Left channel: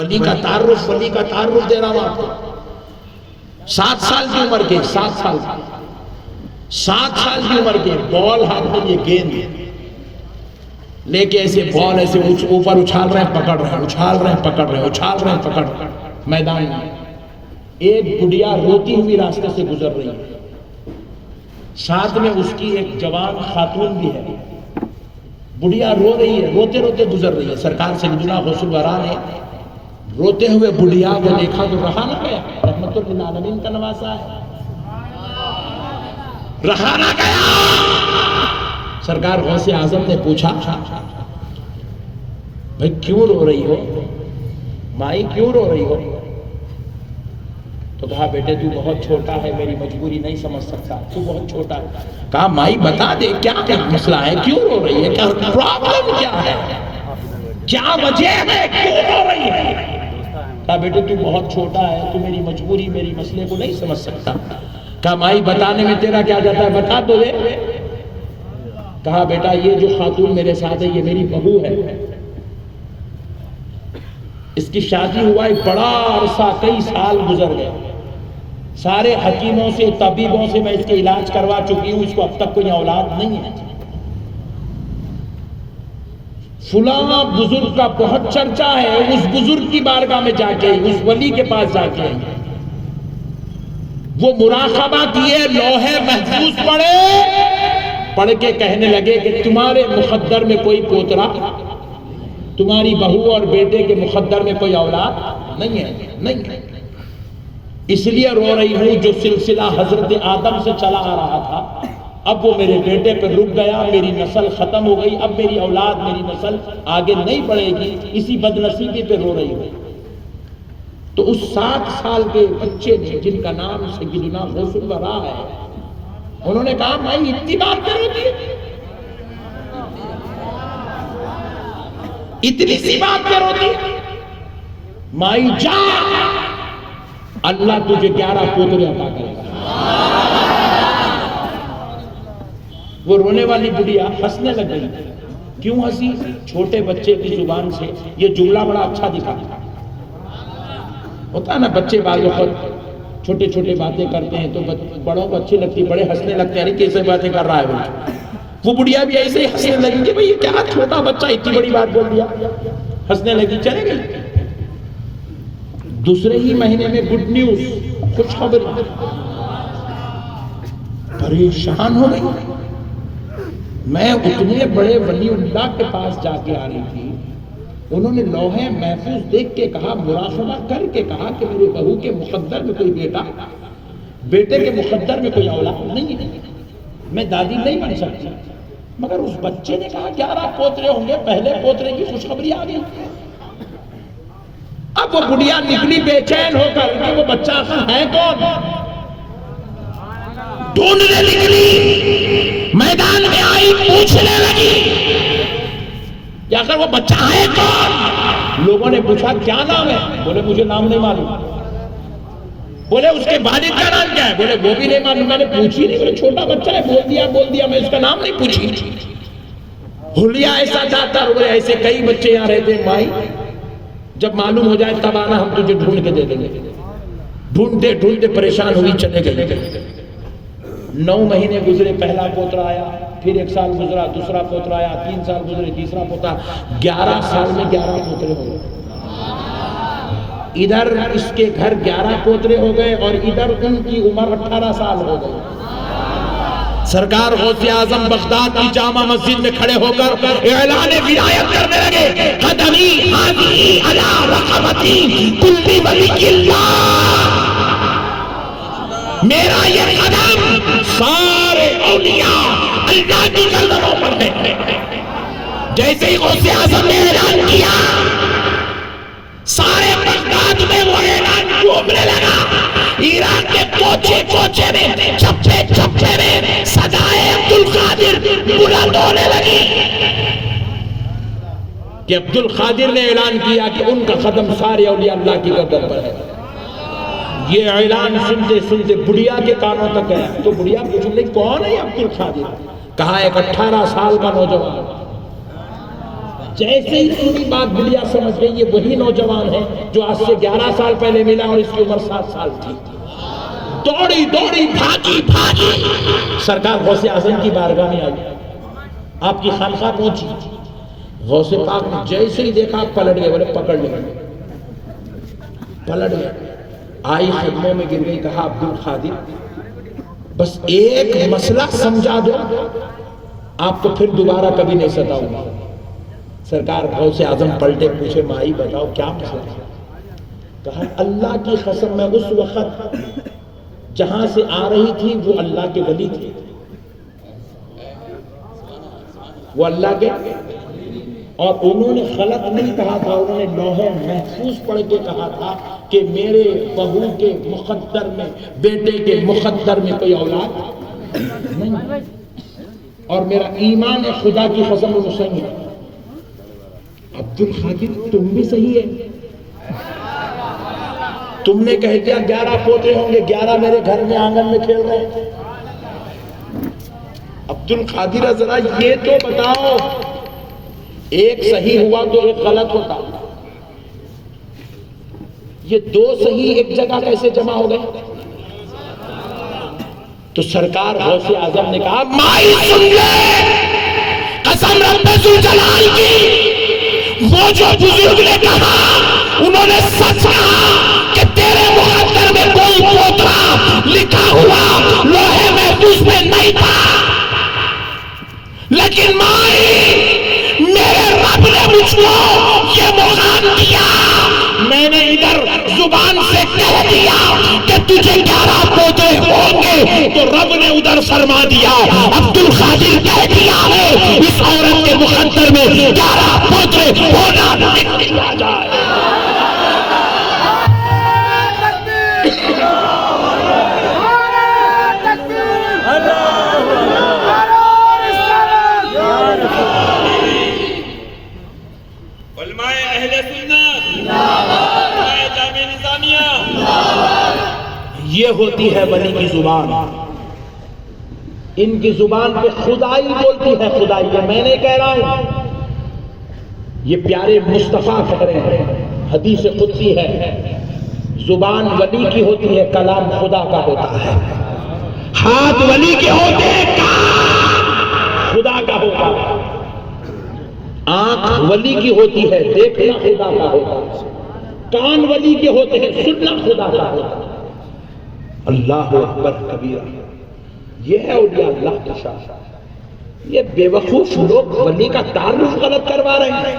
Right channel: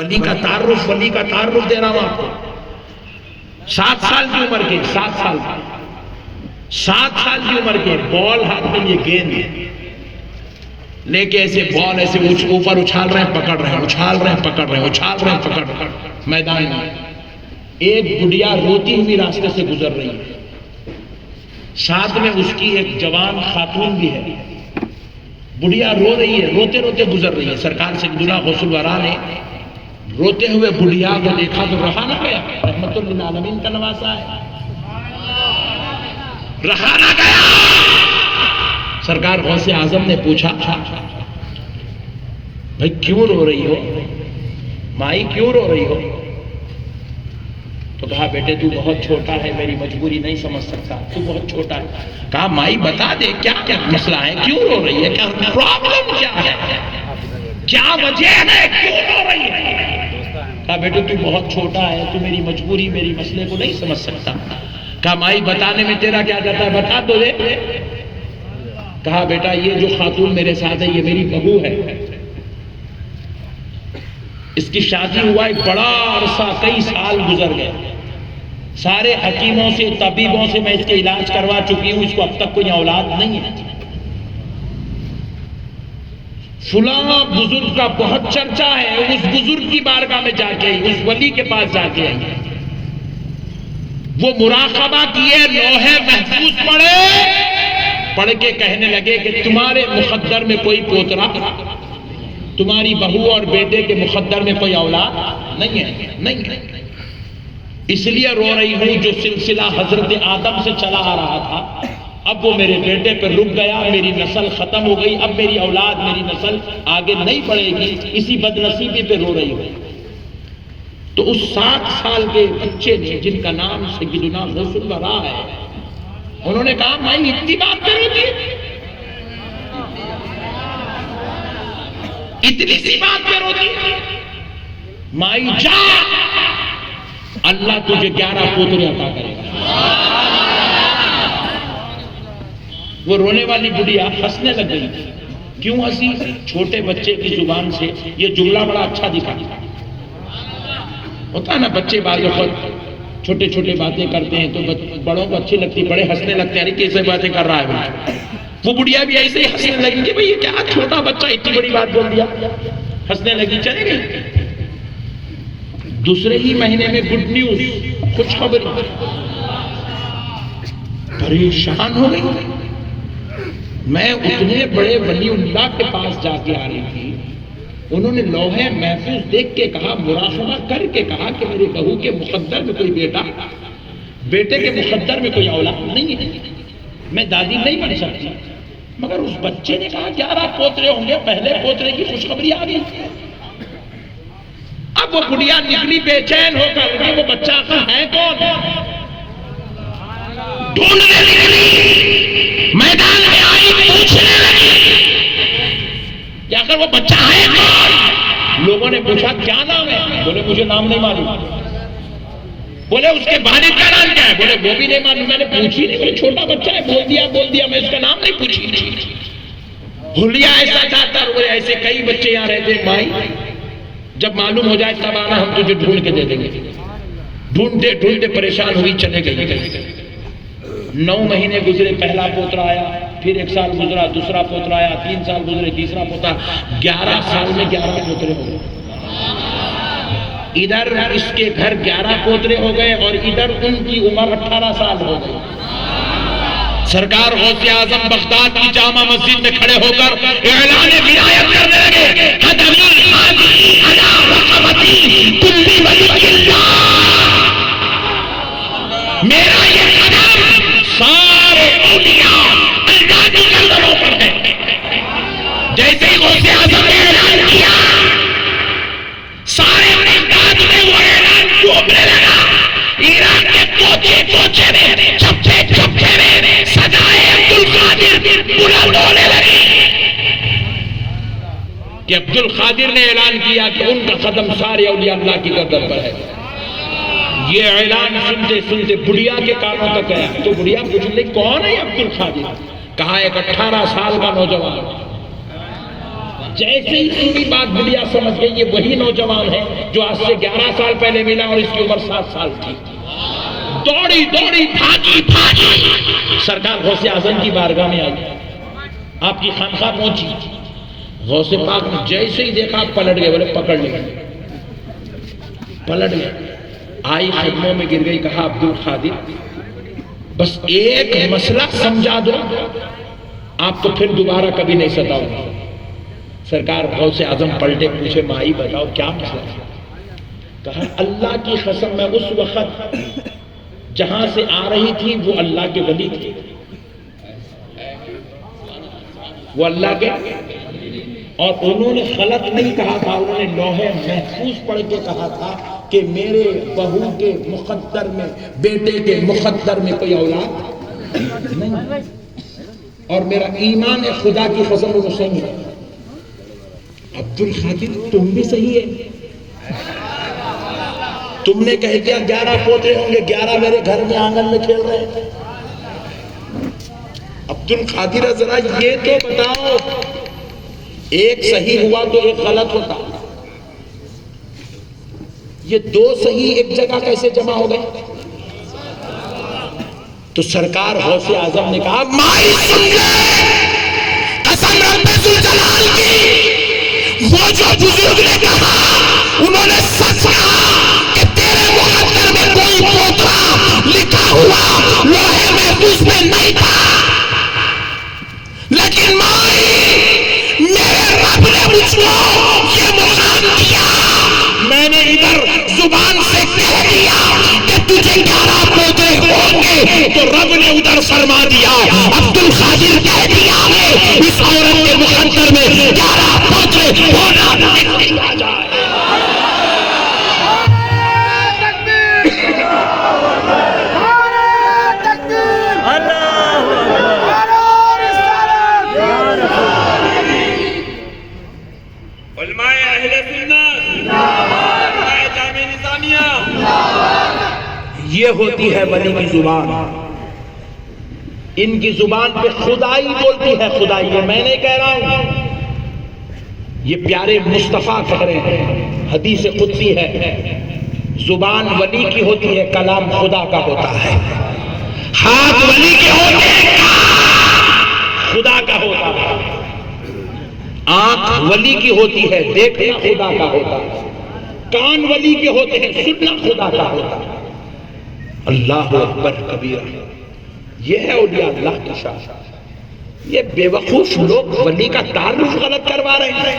ولی کا تعارف دے رہا ہوں آپ کو۔ 7 سال کی عمر کے 7 سال کی عمر کے بال ہاتھ میں یہ گیند لے کے ایسے بال ایسے اوپر اچھال رہے ہیں پکڑ رہے ہیں میدان میں۔ ایک بڑھیا روتی ہوئی راستے سے گزر رہی ہے، ساتھ میں اس کی ایک جوان خاتون بھی ہے۔ بڑھیا رو رہی ہے، روتے روتے گزر رہی ہے۔ سرکار سیدنا غوث الورا نے روتے ہوئے بڑھیا کو دیکھا تو رہا نہ گیا، رحمت للعالمین کا نواسا ہے، رہا نہ گیا۔ سرکار غوث اعظم نے پوچھا بھائی کیوں رو رہی ہو مائی، کیوں رو رہی ہو؟ تو کہا بیٹے تو بہت چھوٹا ہے، میری مجبوری نہیں سمجھ سکتا، تو بہت چھوٹا ہے۔ کہا مائی بتا دے کیا کیا مسئلہ ہے، کیوں رو رہی ہے، کیا پرابلم کیا ہے، کیا وجہ ہے، کیوں رو رہی ہے؟ کہا بیٹے تو بہت چھوٹا ہے، تو میری مجبوری میری مسئلے کو نہیں سمجھ سکتا۔ کہا مائی بتانے میں تیرا کیا جاتا ہے، بتا دو دے۔ کہا بیٹا یہ جو خاتون میرے ساتھ ہے یہ میری بہو ہے، اس کی شادی ہوا ایک بڑا عرصہ، کئی سال گزر گئے، سارے حکیموں سے طبیبوں سے میں اس کے علاج کروا چکی ہوں، اس کو اب تک کوئی اولاد نہیں ہے۔ فلاں بزرگ کا بہت چرچا ہے، اس بزرگ کی بارگاہ میں جا کے اس ولی کے پاس جا کے وہ مراقبہ کیے، لوح محفوظ پڑھ کے کہنے لگے کہ تمہارے مقدر میں کوئی پوترا، تمہاری بہو اور بیٹے کے مقدر میں کوئی اولاد نہیں ہے، اس لیے رو رہی ہوں جو سلسلہ حضرت آدم سے چلا آ رہا تھا اب وہ میرے بیٹے پہ رک گیا، میری نسل ختم ہو گئی، اب میری اولاد میری نسل آگے نہیں بڑھے گی، اسی بدنصیبی پہ رو رہی ہوں۔ تو اس 7 سال کے بچے نے جن کا نام سیدنا غوث الورا ہے، انہوں نے کہا مائی اتنی بات کرو گی، اتنی سی بات کرو گی، مائی جا اللہ تجھے 11 پوترے عطا کرے گا۔ وہ رونے والی بڑھیا ہنسنے لگ گئی۔ کیوں ہنسی؟ چھوٹے بچے کی زبان سے یہ جملہ بڑا اچھا دکھا، ہوتا ہے نا بچے بعض وقت چھوٹے چھوٹے باتیں کرتے ہیں تو بڑوں کو اچھی لگتی، بڑے ہنسنے لگتے ہیں کیسے باتیں کر رہا ہے۔ وہ بڑھیا بھی ایسے ہی ہنسنے لگی کہ بھئی یہ کیا چھوٹا بچہ اتنی بڑی بات بول دیا، ہنسنے لگی، چلے گئی۔ دوسرے ہی مہینے میں گڈ نیوز، خوشخبری، پریشان ہو گئی۔ میں اتنے بڑے ولی اللہ کے پاس جا کے آ رہی تھی، انہوں نے لوح محفوظ دیکھ کے کہا، مراقبہ کر کے کہا کہ میرے بہو کے مقدر میں کوئی بیٹا، بیٹے کے مقدر میں کوئی اولاد نہیں ہے، میں دادی نہیں بن سکتی۔ مگر اس بچے نے کہا 11 پوترے ہوں گے، پہلے پوترے کی خوشخبری آ گئی۔ اب وہ بڑھیا نکلی بے چین ہو کر کہ وہ بچہ ہے کون، ڈھونڈنے لگی، میدان میں آئی، پوچھنے لگی کہ اگر وہ بچہ ہے کون۔ لوگوں نے پوچھا کیا نام ہے، بولے مجھے نام نہیں معلوم۔ بولے اس کے والد کا نام کیا ہے، بولے وہ بھی نہیں معلوم، میں نے پوچھی نہیں، بولے چھوٹا بچہ ہے، بول دیا، میں اس کا نام نہیں پوچھی۔ بھولیا ایسا چاہتا، بولے ایسے کئی بچے یہاں رہتے ہیں مائی، جب معلوم ہو جائے تب آنا، ہم تجھے ڈھونڈ کے دے دیں گے۔ ڈھونڈتے ڈھونڈتے پریشان ہوئی، چلے گئی۔ 9 مہینے گزرے، پہلا پوترا آیا، پھر 1 سال گزرا، دوسرا پوترا آیا، 3 سال گزرے، تیسرا پوترا، 11 سال میں 11 پوترے ہو گئے۔ ادھر اس کے گھر 11 پوترے ہو گئے اور ادھر ان کی عمر 18 سال ہو گئی۔ سرکار غوث اعظم بغداد کی جامع مسجد میں کھڑے ہو کر اعلان ولایت کرنے لگے، قدمی حاضی علی رقبتی کل ولی اللہ، میرا یہ قدم سارے اولیاء اللہ کی قدموں پر ہے۔ جیسے ہی غوث اعظم نے اعلان کیا، سارے بغداد میں وہ اعلان ڈوبنے لگا۔ ایران کے کوچے کوچے میں، چھپے چھپے میں صدائے عبدالقادر بلند ہونے لگی کہ عبدالقادر نے اعلان کیا کہ ان کا قدم سارے اولیاء اللہ کی قدم پر ہے۔ یہ اعلان سنتے سنتے بڑھیا کے کانوں تک گیا تو بڑھیا پوچھ لے کون ہے عبدالقادر؟ کہا ایک 18 سال کا نوجوان، جیسے ہی پوری بات دنیا سمجھ گئی یہ وہی نوجوان ہے جو آج سے 11 سال پہلے ملا اور اس کی عمر 7 سال تھی. دوڑی دوڑی بھاگی بھاگی سرکار غوث اعظم کی بارگاہ میں آئی, آپ کی خانقاہ پہنچی. غوث پاک نے جیسے ہی دیکھا پلٹ گئے, بولے پکڑ لے, پلٹ گئے. آئی خدموں میں گر گئی, کہا عبد القادر بس ایک مسئلہ سمجھا دو, آپ تو پھر دوبارہ کبھی نہیں ستاؤں گا. سرکار غوث اعظم پلٹے, پوچھے مائی بتاؤ کیا مسئلہ ہے؟ کہا اللہ کی قسم میں اس وقت جہاں سے آ رہی تھی وہ اللہ کے ولی تھے, وہ اللہ کے, اور انہوں نے غلط نہیں کہا تھا, انہوں نے لوح محفوظ پڑھ کے کہا تھا کہ میرے بہو کے مقدر میں, بیٹے کے مقدر میں کوئی اولاد نہیں, اور میرا ایمان ہے خدا کی قسم وہ صحیح ہے. عبد القادر تم بھی صحیح ہے, تم نے کہہ دیا 11 پوتے ہوں گے, 11 میرے گھر میں آنگن میں کھیل رہے ہیں. عبد القادر ذرا یہ تو بتاؤ, ایک صحیح ہوا تو ایک غلط ہوتا, یہ 2 صحیح ایک جگہ کیسے جمع ہو گئے؟ تو سرکار غوث اعظم نے کہا مائی سن لے, قسم رب ذوالجلال کی, وہ جو بزرگ نے کہا انہوں نے سچ کہا کہ تیرے مقدر میں کوئی پوتا لکھا ہوا لوح محفوظ میں نہیں تھا, لیکن مائی میرے رب نے مجھ کو یہ مقام دیا, میں نے ادھر زبان سے کہہ دیا کہ تجھے 11 پوتے ہوں گے, تو رب نے ادھر فرما دیا عبد القادر کہہ دیا ہے اس عورت کے مقدر میں 11 پوتے ہونا لکھ دیا جائے. یہ ہوتی ہے ولی کی زبان, ان کی زبان پہ خدائی بولتی ہے, خدائی. یہ میں نہیں کہہ رہا ہوں, یہ پیارے مصطفیٰ کہہ رہے ہیں, حدیث قدسی ہے. زبان ولی کی ہوتی ہے, کلام خدا کا ہوتا ہے. ہاتھ ولی کے ہوتے ہیں, خدا کا ہوتا ہے. آنکھ ولی کی ہوتی ہے, دیکھنا خدا کا ہوتا ہے. کان ولی کے ہوتے ہیں, سننا خدا کا ہوتا ہے. اللہ اکبر کبیرہ. یہ ہے اولیاء اللہ کی شان. یہ بے وقوف لوگ ولی کا تعارف غلط کروا رہے ہیں,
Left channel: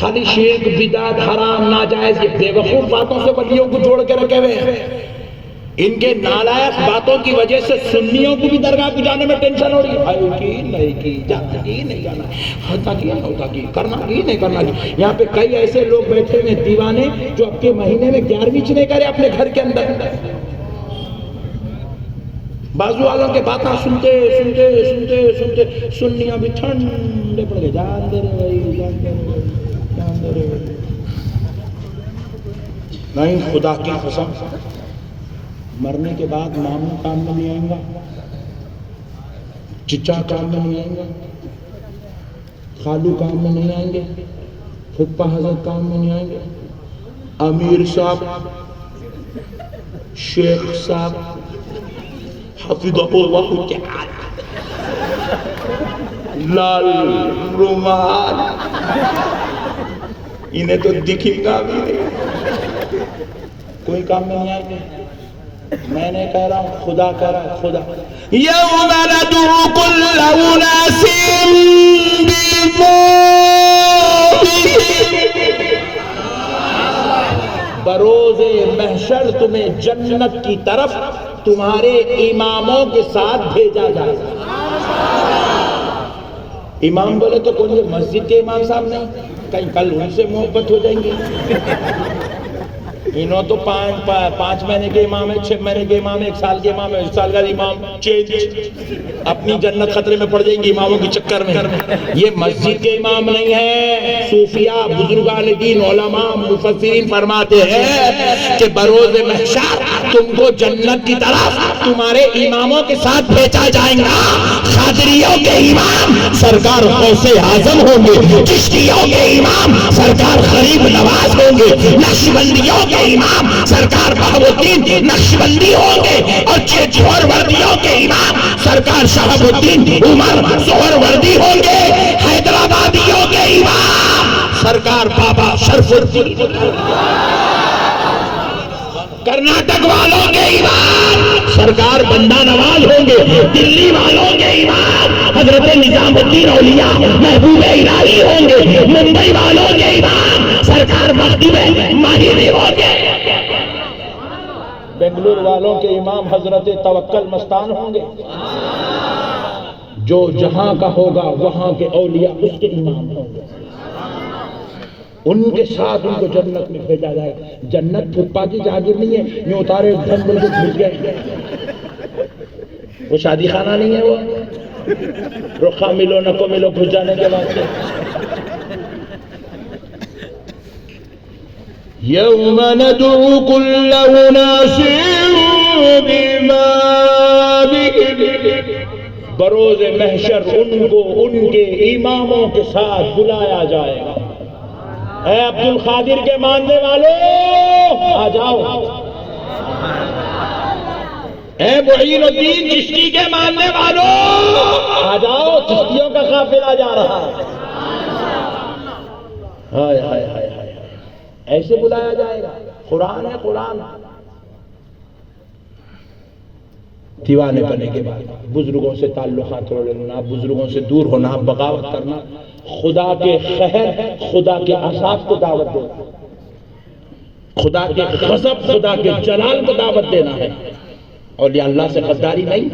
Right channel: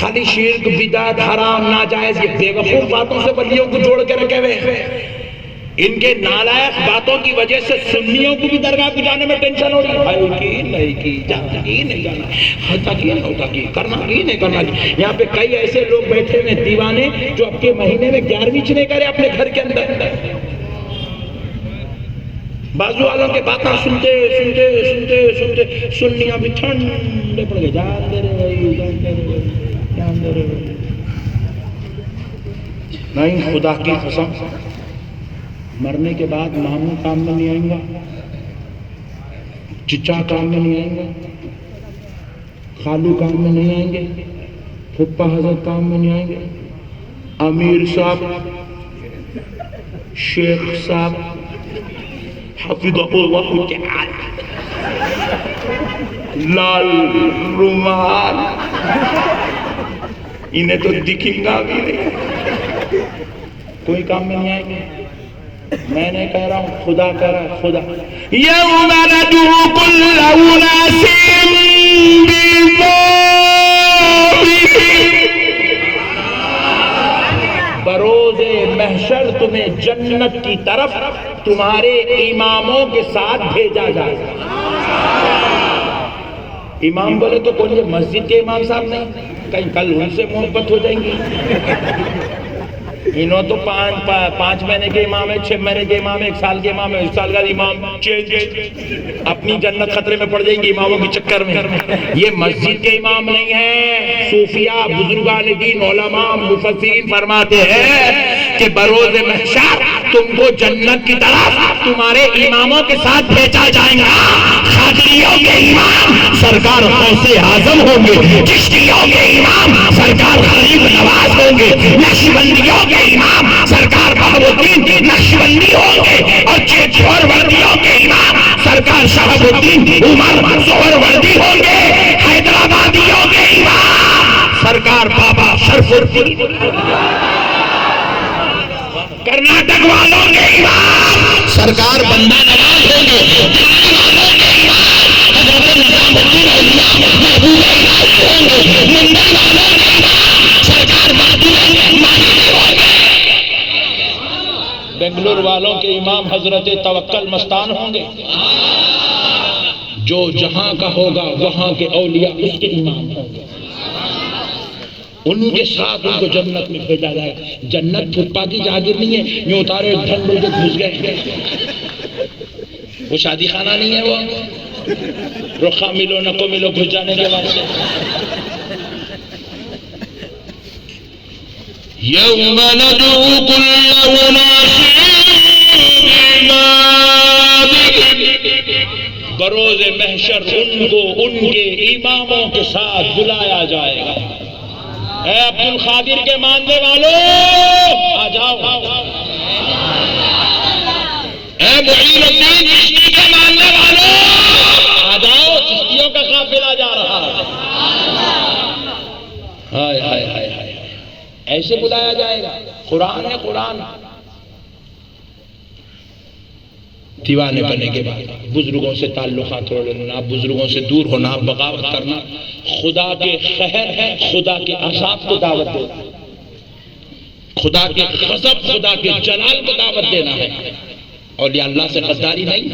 خالی شرک بدعت حرام ناجائز یہ بے وقوف باتوں سے ولیوں کو جوڑ کے رکھے ہوئے ہیں. ان کے نالائق باتوں کی وجہ سے سنیوں کو بھی درگاہ کو جانے میں ٹینشن ہو رہی ہے, بھائی کی نہیں کی, جانا کی نہیں جانا, ہوتا کی نہیں ہوتا کی, کرنا کی نہیں کرنا کی. یہاں پہ کئی ایسے لوگ بیٹھے ہوئے دیوانے جو اب کے مہینے میں 11ویں نہیں کرے اپنے گھر کے اندر. بازو والوں کے باتیں سنتے سنتے سنتے سنتے سنیاں بھی ٹھنڈے پڑ گئے. جان دے رہے بھائی, جان دے رہے بھائی, جان دے رہے بھائی. نہیں, خدا کی قسم مرنے کے بعد ماموں کام میں نہیں آئیں گا, چچا کام میں نہیں آئیں گا, خالو کام میں نہیں آئیں گے, پھپھا حضرت کام میں نہیں آئیں گے, امیر صاحب, شیخ صاحب حفظہ اللہ تعالی, لال رومال, انہیں تو دکھیں گا بھی نہیں, کوئی کام میں نہیں آئیں گے. میں نے کہہ رہا ہوں, خدا کہہ رہا ہوں, خدا. یوم ندعو کل اناس بإمامہم, بروز محشر تمہیں جنت کی طرف تمہارے اماموں کے ساتھ بھیجا جائے گا. امام بولے تو کون, یہ مسجد کے امام صاحب نہیں, کہیں کل ان سے محبت ہو جائیں گی. انہوں تو 5 مہینے کے امام ہے, 6 مہینے کے امام ہے, 1 سال کے امام ہے, 1 سال کا امام اپنی جنت خطرے میں پڑ جائیں گی اماموں کے چکر میں. یہ مسجد کے امام نہیں ہیں. صوفیاء, بزرگان دین, علماء, مفسرین فرماتے ہیں کہ بروز محشر تم کو جنت کی طرف تمہارے اماموں کے ساتھ بھیجا جائے گا. قادریوں کے امام سرکار غوث اعظم ہوں گے، چشتیوں کے امام سرکار غریب نواز ہوں گے، نقشبندیوں کے امام سرکار بہاؤ الدین نقشبندی ہوں گے، اور سہروردیوں کے امام سرکار شہاب الدین عمر سہروردی ہوں گے، حیدرآبادیوں کے امام سرکار بابا شرف الدین، کرناٹک والوں کے امام سرکار بندہ نواز ہوں گے، دلی والوں کے امام حضرت نظام الدین اولیاء محبوب الہی ہوں گے، ممبئی والوں کے امام سرکار محبوب ماہری ہوں گے، بنگلور والوں کے امام حضرت توکل مستان ہوں گے، جو جہاں کا ہوگا وہاں کے اولیاء اس کے امام ہوں گے، ان کے ساتھ ان کو جنت میں بھیجا جائے گا۔ جنت پھپا کی جاگیر نہیں ہے یوں اتارے ڈھنگ بول کے گھس گئے، وہ شادی خانہ نہیں ہے، وہ رخا ملو نکو ملو گھس جانے کے واسطے۔ یوم ندعو کل اناس بإمامہم، بروز محشر ان کو ان کے اماموں کے ساتھ بلایا جائے گا۔ اے عبد القادر کے ماننے والوں آ جاؤ، اے معین الدین چشتی کے ماننے والوں آ جاؤ، چشتیوں کا قافلہ جا رہا ہے۔ ہائے ہائے ہائے ہائے، ایسے بلایا جائے گا۔ قرآن ہے، قرآن دیوانے بننے کے بعد بزرگوں سے تعلقات توڑنا، بزرگوں سے دور ہونا، بغاوت کرنا، خدا کے قہر، خدا کے عذاب کو دعوت دینا، خدا کے غضب، خدا کے جلال کو دعوت دینا ہے۔ اولیاء اللہ سے غداری نہیں،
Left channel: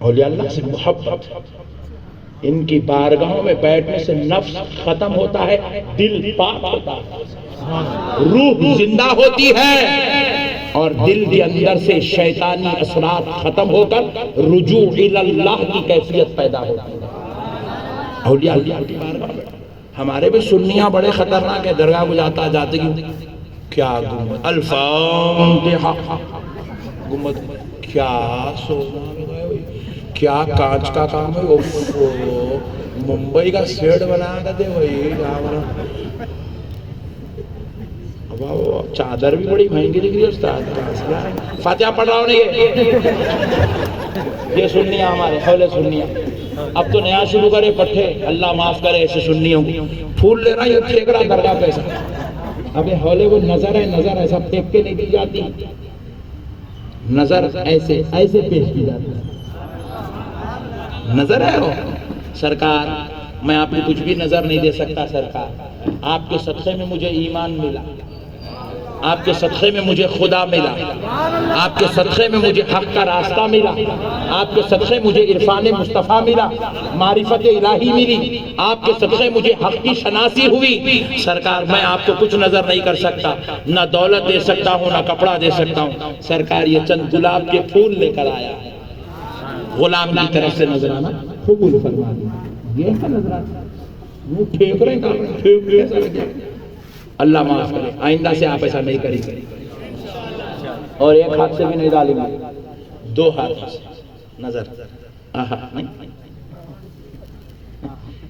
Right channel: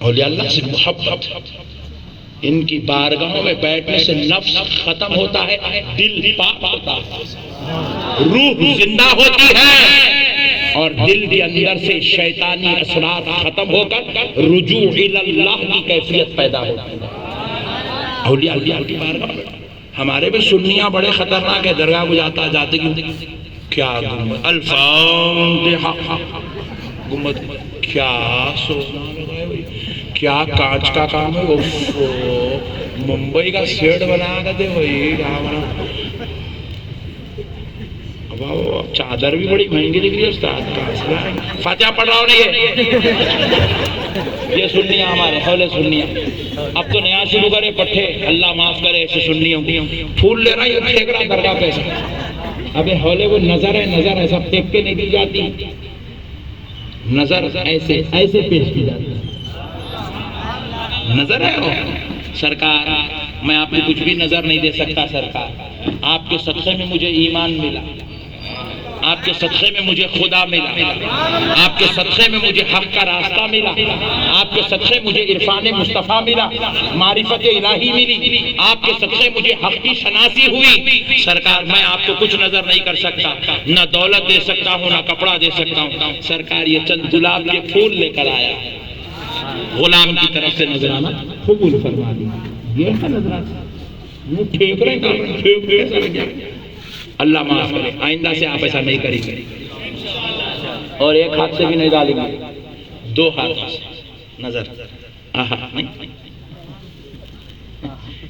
اولیاء اللہ سے محبت۔ ان کی بارگاہوں میں بیٹھنے سے نفس ختم ہوتا ہے، دل پاک ہوتا ہے، روح زندہ ہوتی ہے، اور دل کے اندر سے شیطانی اثرات ختم ہو کر رجوع اللہ کی کیفیت پیدا ہوتی ہے۔ اولیاء اللہ کی بارگاہ میں ہمارے بھی سنیاں بڑے خطرناک ہے، درگاہ کو جاتا جاتے کیا گمت الفاتحہ، گمت کیا سونا لگائے ہوئی، کیا کانچ کا کام ہے، ممبئی کا سیٹ بنا کر دے وہی کیا بنا، چادر بھی بڑی مہنگی دکھ رہی ہے استاد، فاتحہ پڑھ رہا ہوں یہ سنیاں ہمارے حولے سنیاں۔ اب تو نیا شروع کرے پٹھے، اللہ معاف کرے ایسے سنیوں کی، پھول لے رہا یہ پھینک رہا درگاہ پیسہ۔ ابھی حولے وہ نظر ہے، نظر ایسا پھینک کے نہیں دی جاتی، نظر ایسے ایسے پیش کی جاتی ہے، نظر ہے وہ سرکار میں آپ کو کچھ بھی نظر نہیں دے سکتا، سرکار آپ کے صدقے میں مجھے ایمان ملا، آپ کے صدقے میں مجھے خدا ملا، آپ کے صدقے میں مجھے حق کا راستہ ملا، آپ کے صدقے مجھے عرفان مصطفیٰ ملا، معرفت الہی ملی، آپ کے صدقے مجھے حق کی شناسی ہوئی۔ سرکار میں آپ کو کچھ نظر نہیں کر سکتا، نہ دولت دے سکتا ہوں نہ کپڑا دے سکتا ہوں، سرکار یہ چند گلاب کے پھول لے کر آیا، غلام کی طرف سے نذرانہ قبول فرما دیا۔ یہ ہے نذرانہ، وہ پھینک رہے ہیں، اللہ معاف کرے، آئندہ سے آپ ایسا نہیں کریں گے، اور ایک ہاتھ سے بھی نہیں ڈالیں گے، دو ہاتھ سے نظر۔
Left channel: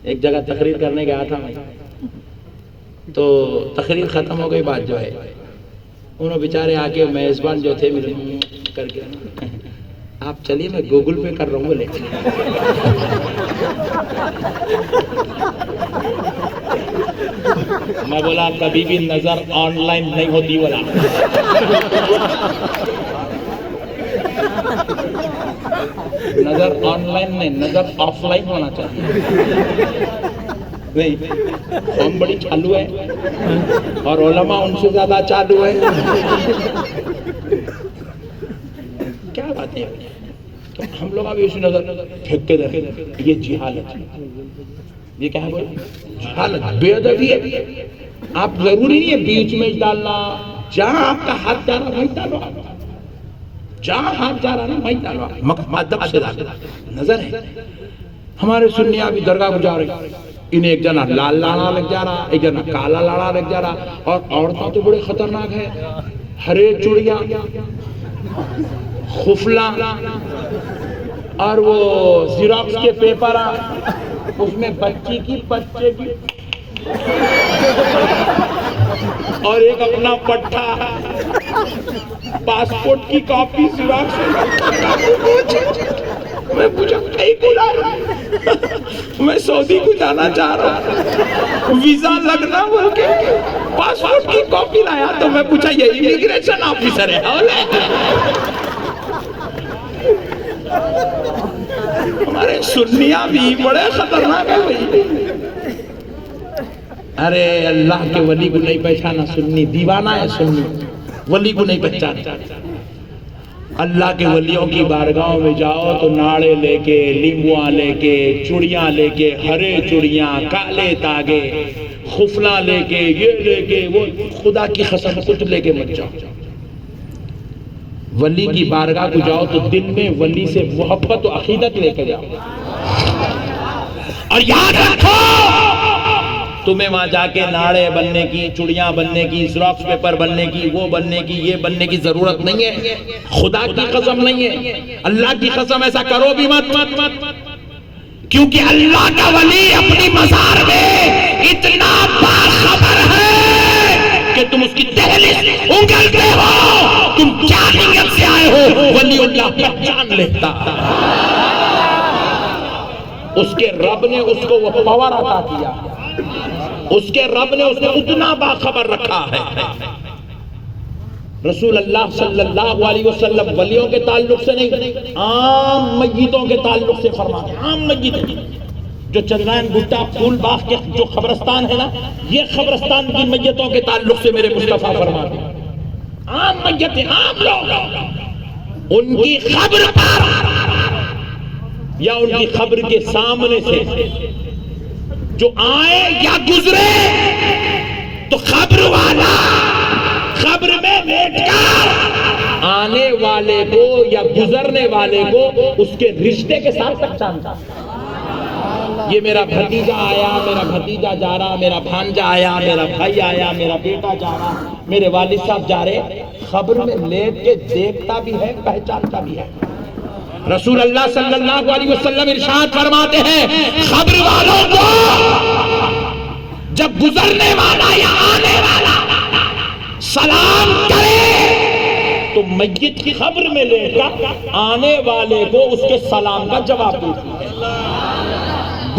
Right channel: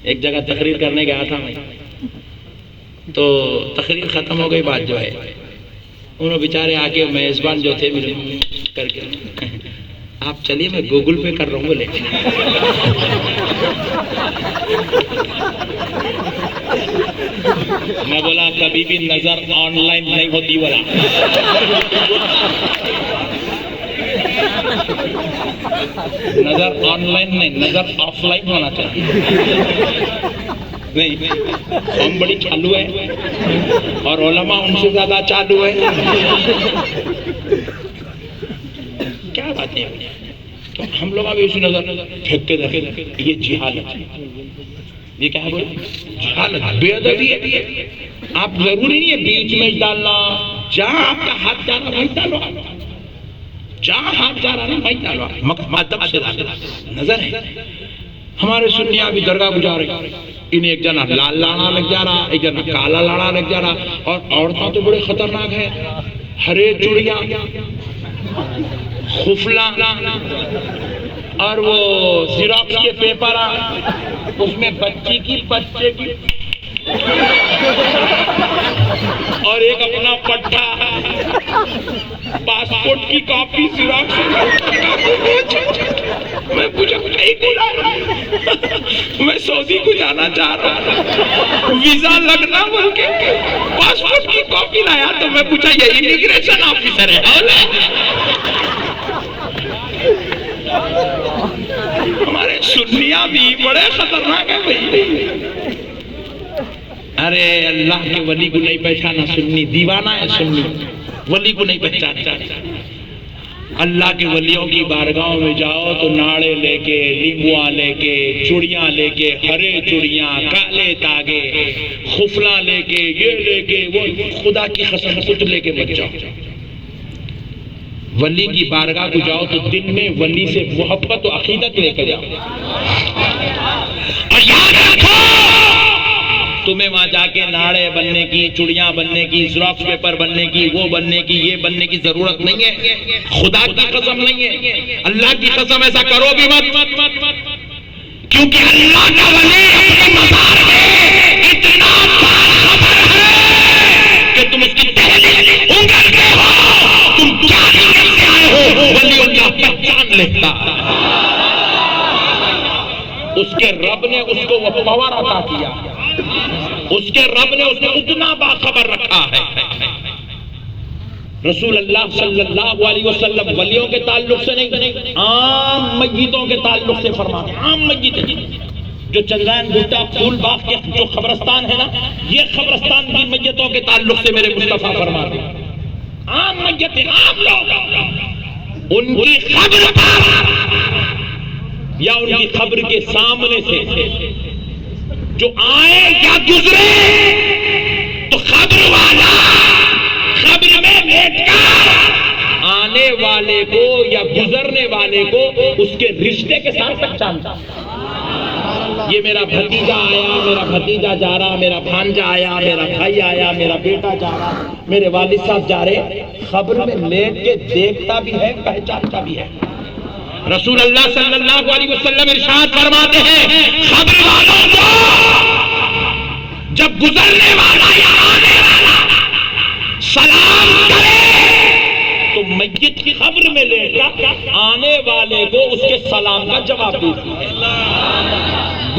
ایک جگہ تقریر کرنے گیا تھا میں، تو تقریر ختم ہو گئی، بات جو ہے انہوں بیچارے آگے میزبان جو تھے مجھے کر کے، آپ چلیے میں گوگل پے کر رہا ہوں بولے۔ میں بولا کبھی بھی نظر آن لائن نہیں ہوتی، بولا نظر آن لائن نہیں، نظر آف لائن ہونا چاہیے۔ نہیں، ہم بڑی چالو ہے اور علماء ان سے زیادہ چالو ہے۔ کیا باتیں ہیں، تو ہم لوگ ابھی اسی نظر پھینکتے رہے، یہ جہالت ہے، یہ کیا ہے بولے جہالت، بے ادبی ہے۔ آپ ضروری نہیں ہے بیچ میں ڈالنا، جہاں آپ کا ہاتھ جا رہا وہیں ڈالو، جہاں ہاتھ جا رہا نا وہیں ڈالو، ادب سے ڈالو۔ نظر ہے ہمارے سنیاں بھی درگاہ کو جا رہے، انہیں ایک جنا لال لاڑا لگ جا رہا، ایک جنا کالا لاڑا لگ جا رہا، اور عورتیں تو بڑے خطرناک ہیں، ہرے چوڑیاں، خفلا، اور وہ زیروکس کے پیپر آئے، اس میں بچی کی بچے کی اور ایک اپنا پٹھا، پاسپورٹ کی کاپی زیروکس۔ میں پوچھا کہیں کو لا رہا ہے؟ میں سعودی کو جانا چاہ رہا ہوں، ویزا لگنا بول کے پاسپورٹ کی کاپی لایا۔ تو میں پوچھا یہ امیگریشن آفیسر ہے؟ ہمارے سنیاں بھی بڑے خطرناک ہیں بھائی۔ ارے اللہ کے ولی کو نہیں پہچانا، سنی دیوانہ ہے، سنی ولی کو نہیں پہچانا۔ اللہ کے ولیوں کی بارگاہوں میں جاؤ تو ناڑے لے کے، لیمبواں لے کے، چوڑیاں لے کے، ہرے چوڑیاں، کالے تاگے، خفلا لے کے، یہ لے کے، وہ خدا کی قسم کچھ لے کے مت جاؤ۔ ولی کی بارگاہ کو جاؤ تو دل میں ولی سے محبت و عقیدت لے کے جاؤ، اور یاد رکھو تمہیں وہاں جا کے ناڑے بننے کی، چوڑیاں بننے کی، زیروکس پیپر بننے کی، وہ بننے کی، یہ بننے کی ضرورت نہیں ہے۔ خدا کی قسم نہیں ہے، اللہ کی قسم ایسا کرو بھی مت، کیونکہ اللہ کا ولی اپنی مزار میں اتنا باخبر ہے کہ تم اس کی دہلیز اگلتے ہو، تم کیا نیت سے آئے ہو، ولی اللہ پہچان لیتا۔ اس کے رب نے اس کو وہ پاور عطا کیا، اس کے رب نے اس کو اتنا باخبر رکھا ہے۔ رسول اللہ صلی اللہ علیہ وسلم ولیوں کے تعلق سے نہیں، عام میتوں کے تعلق سے فرماتے ہیں۔ عام میت جو چندرائن گٹا پھول باغ کے جو قبرستان ہے نا، یہ قبرستان کی میتوں کے تعلق سے میرے مصطفیٰ فرماتے ہیں۔ عام میتیں، عام لوگ، ان کی قبر پر یا ان کی قبر کے سامنے سے جو آئے یا گزرے تو قبر والا قبر میں بیٹھ کر آنے والے کو یا گزرنے والے کو اس کے رشتے کے ساتھ پہچانتا۔ یہ میرا بھتیجا آیا، میرا بھتیجا جا رہا، میرا بھانجا آیا، میرا بھائی آیا، میرا بیٹا جا رہا، میرے والد صاحب جا رہے، قبر میں لیٹ کے دیکھتا بھی ہے، پہچانتا بھی ہے۔ رسول اللہ صلی اللہ علیہ وسلم ارشاد فرماتے ہیں، قبر والوں کو جب گزرنے والا یا آنے والا سلام کرے تو میت کی قبر میں لے کر آنے والے کو اس کے سلام کا جواب دیتی ہے،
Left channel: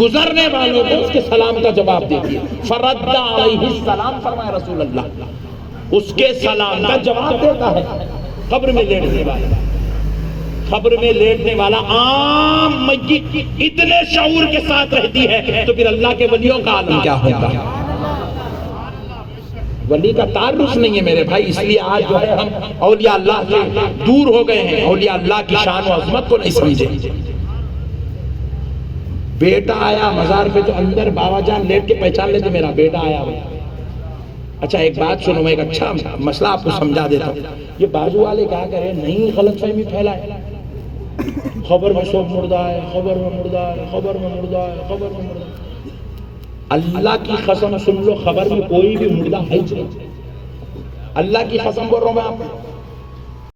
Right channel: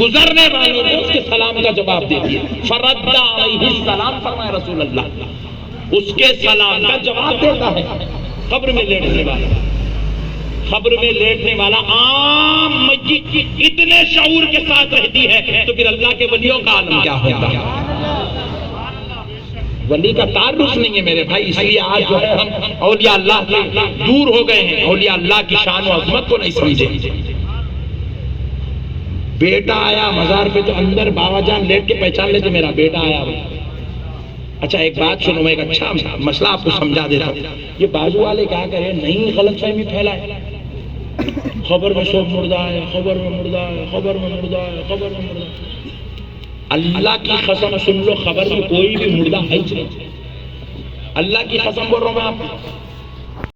گزرنے والوں کو اس کے سلام کا جواب دیتی ہے۔ فرد علیہ السلام فرمائے رسول اللہ، اس کے سلام کا جواب دیتا ہے قبر میں لیٹنے والا۔ قبر میں لیٹنے والا عام میت اتنے شعور کے ساتھ رہتی ہے، تو پھر اللہ کے ولیوں کا عالم کیا ہوگا؟ ولی کا تعارف نہیں ہے میرے بھائی، اس لیے آج جو ہے ہم اولیاء اللہ سے دور ہو گئے ہیں، اولیاء اللہ کی شان و عظمت کو نہیں سمجھے۔ بیٹا آیا مزار پہ تو اندر بابا جان لیٹ کے پہچان لیتے میرا بیٹا آیا۔ اچھا ایک بات سنو، میں ایک اچھا مسئلہ آپ کو سمجھا دیتا ہوں۔ یہ بازو والے کیا کریں، نہیں غلط فہمی پھیلائے، خبر میں سب مردہ ہے، خبر میں مردہ ہے، خبر میں مردہ ہے، خبر میں مردہ ہے۔ اللہ کی قسم سن لو، خبر میں کوئی بھی مردہ ہے ہی نہیں۔ اللہ کی قسم بول رہا ہوں میں آپ کو،